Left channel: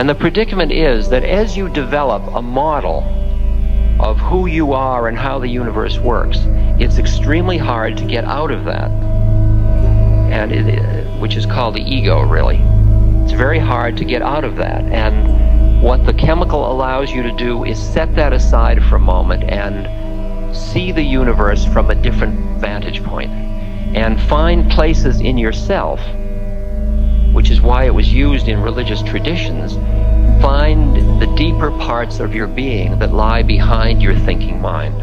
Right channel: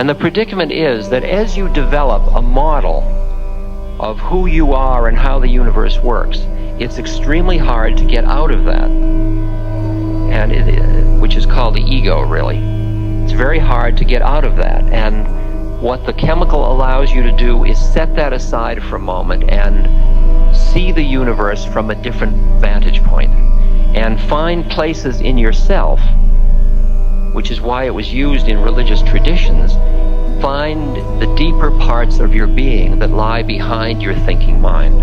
And the predicament is that as you develop a model of who you are and how the universe works, it's extremely hard to get out of that, and which is called the ego, really. It's very hard to get out of that, and what the chemical allows you to do is set that aside for a moment and see the universe from a different vantage point, and find places in yourself, which is why it was used in religious traditions. Find the deeper parts of your being that lie behind your thinking mind.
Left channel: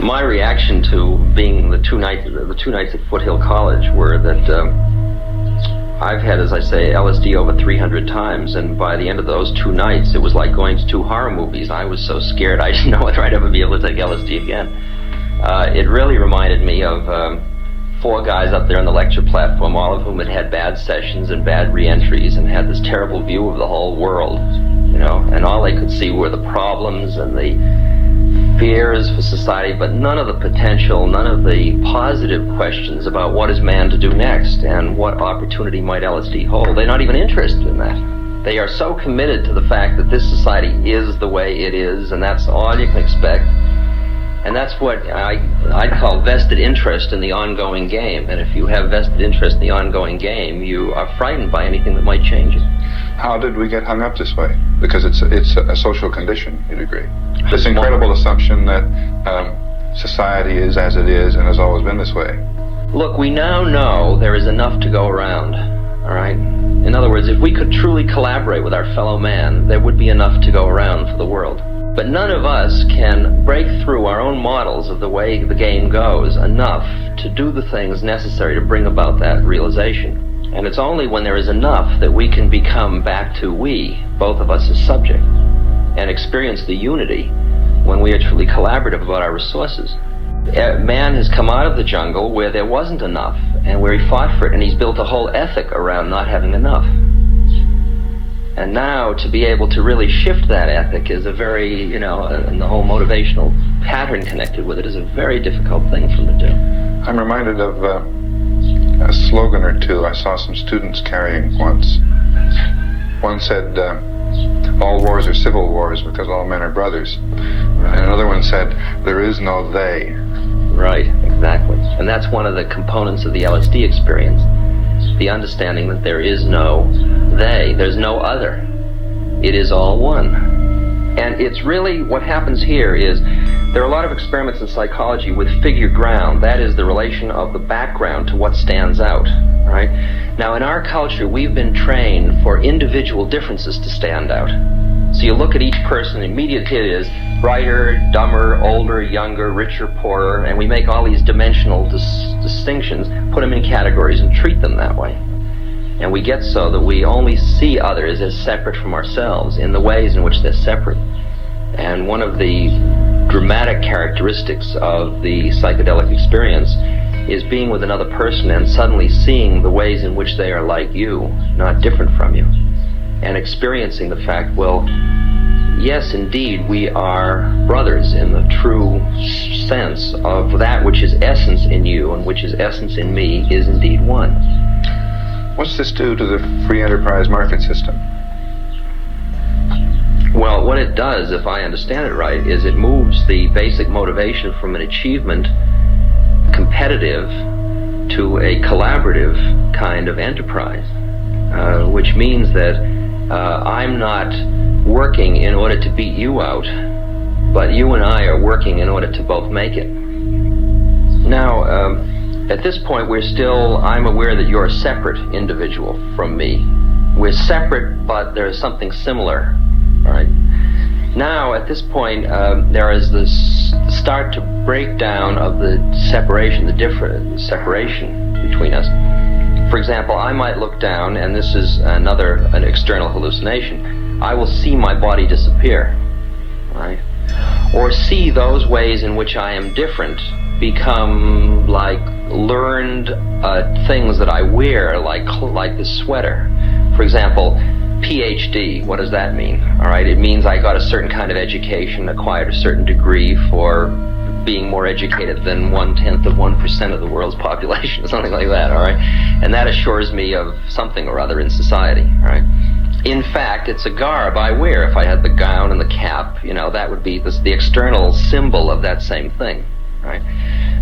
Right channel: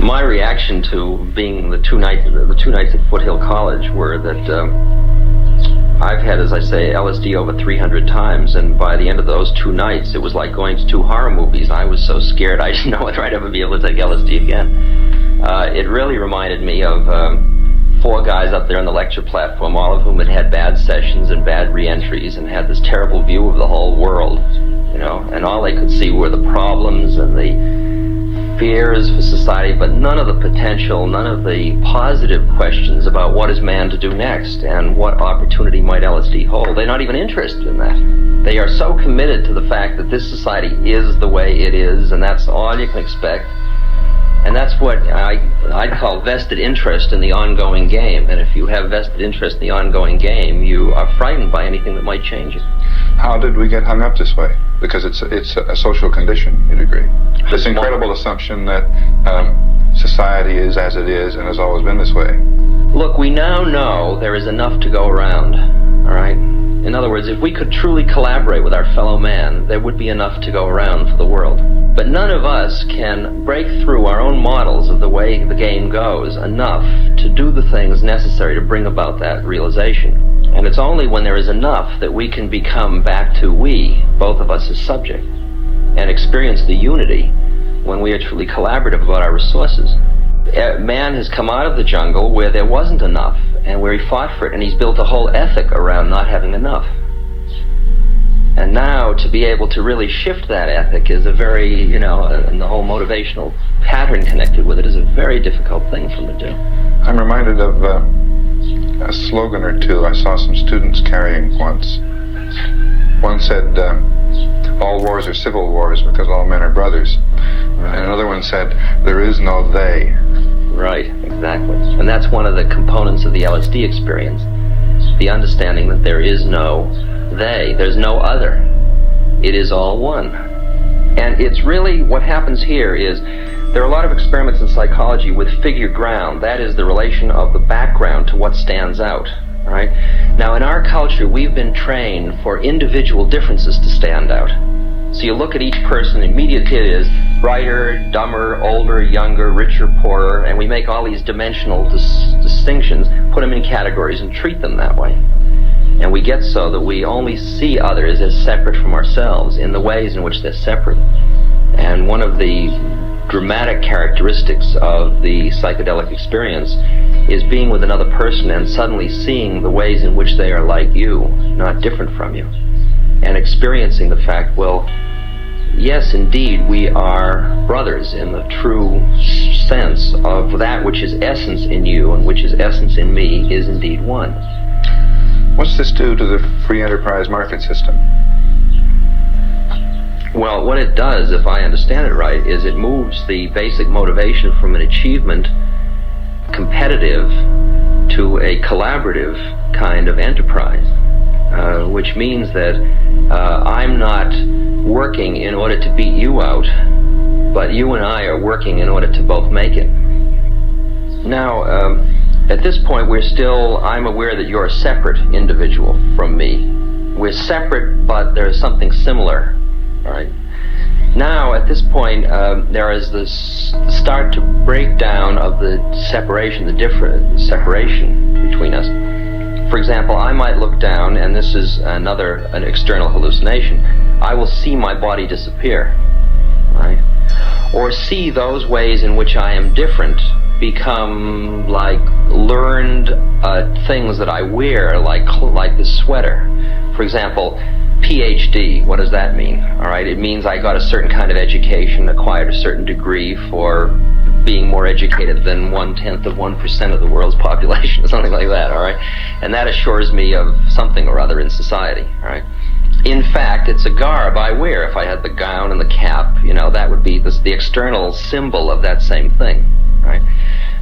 My reaction to being the two nights at Foothill College were that I've had, as I say, LSD over 300 times, and by the end of those 2 nights, it was like going to 2 horror movies. I was so scared I didn't know whether I'd ever be able to take LSD again. It really reminded me of 4 guys up there on the lecture platform, all of whom had had bad sessions and bad re-entries and had this terrible view of the whole world, you know, and all they could see were the problems and the fears for society, but none of the potential, none of the positive questions about what is man to do next and what opportunity might LSD hold. They're not even interested in that. They are so committed to the fact that this society is the way it is, and that's all you can expect. And that's what I'd call vested interest in the ongoing game. And if you have vested interest in the ongoing game, you are frightened by anything that might change it. How did we get hung up this way? Because it's a social condition, you'd agree. This incredible assumption that society is as it is and has always been this way. Look, we now know there is enough to go around, all right? In other words, if we could truly collaborate with our fellow man, there would be enough to go around for the world. But none of us can break through our own models of the way the game goes enough to do the things necessary to bring about that realization. And it's only when there is enough that we can become back to we, both of us as subject, and experience the unity when we are truly collaborative about our resources. Man has come out of the jungle where there wasn't enough and where he fought for it, and he's built a whole ethic around not having enough. And now to be able to really shift that ethic is a very, you know, and the whole motivational pattern connected with it is a very difficult thing for them to do. I'm reminded of a slogan or two I saw some students carrying once. One said, all wars are civil wars because all men are brothers. Right. And another one said, there is no they. Right, exactly. And that's one of the components of the LSD experience. The understanding that there is no they, there's no other. It is all one. And it's really, what happens here is, there are a lot of experiments in psychology with figure ground. That is the relation of the background to what stands out, right? Now in our culture, we've been trained for individual differences to stand out. So you look at each person, immediately it is brighter, dumber, older, younger, richer, poorer, and we make all these dimensional distinctions, put them in categories and treat them that way. And we get so that we only see others as separate from ourselves in the ways in which they're separate. And one of the dramatic characteristics of the psychedelic experience is being with another person and suddenly seeing the ways in which they are like you, not different from you. And experiencing the fact, well, yes, indeed, we are brothers in the true sense of that which is essence in you and which is essence in me is indeed one. What's this do to the free enterprise market system? Well, what it does, if I understand it right, is it moves the basic motivation from an achievement competitive to a collaborative kind of enterprise, which means that I'm not working in order to beat you out, but you and I are working in order to both make it. Now, at this point, I'm aware that you're a separate individual from me. We're separate, but there's something similar, all right? Now, at this point, there is this start to break down of the separation, the separation between us. For example, I might look down, and this is an external hallucination. I will see my body disappear, right? Or see those ways in which I am different become like learned things that I wear, like this sweater. For example, PhD, what does that mean? All right, it means I got a certain kind of education, acquired a certain degree for being more educated than 1/10 of the world's population, or something like that, all right? And that assures me of something or other in society, all right? In fact, it's a garb I wear. If I had the gown and the cap, that would be the external symbol of that same thing, right?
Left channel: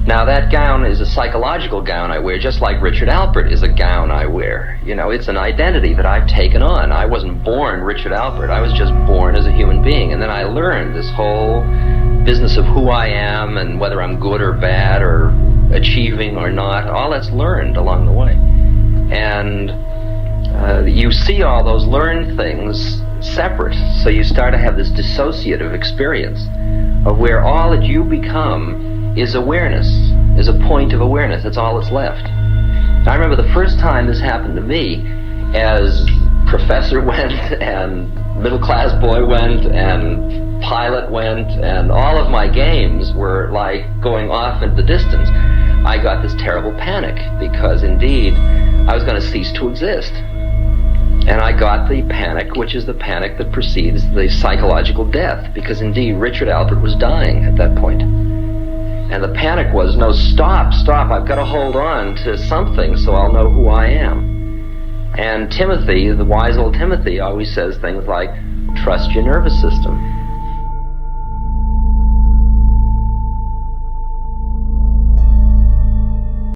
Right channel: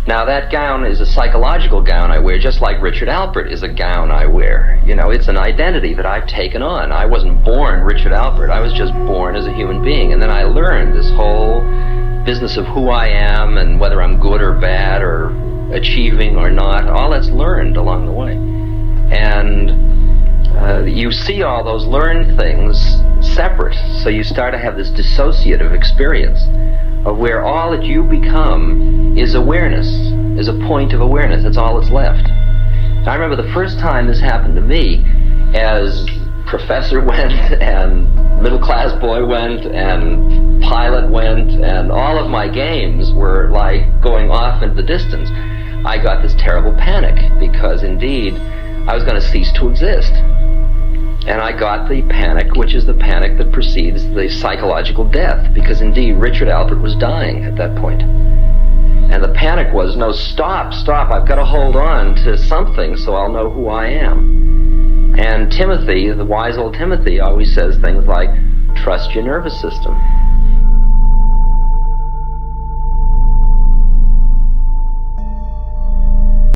Now, that gown is a psychological gown I wear, just like Richard Alpert is a gown I wear. It's an identity that I've taken on. I wasn't born Richard Alpert. I was just born as a human being. And then I learned this whole business of who I am and whether I'm good or bad or achieving or not. All that's learned along the way. And you see all those learned things separate. So you start to have this dissociative experience of where all that you become is awareness, is a point of awareness. That's all that's left. I remember the first time this happened to me, as professor went, and middle class boy went, and pilot went, and all of my games were like going off into the distance. I got this terrible panic, because indeed I was going to cease to exist. And I got the panic, which is the panic that precedes the psychological death, because indeed Richard Alpert was dying at that point. And the panic was, no, stop, I've got to hold on to something so I'll know who I am. And Timothy, the wise old Timothy, always says things like, trust your nervous system.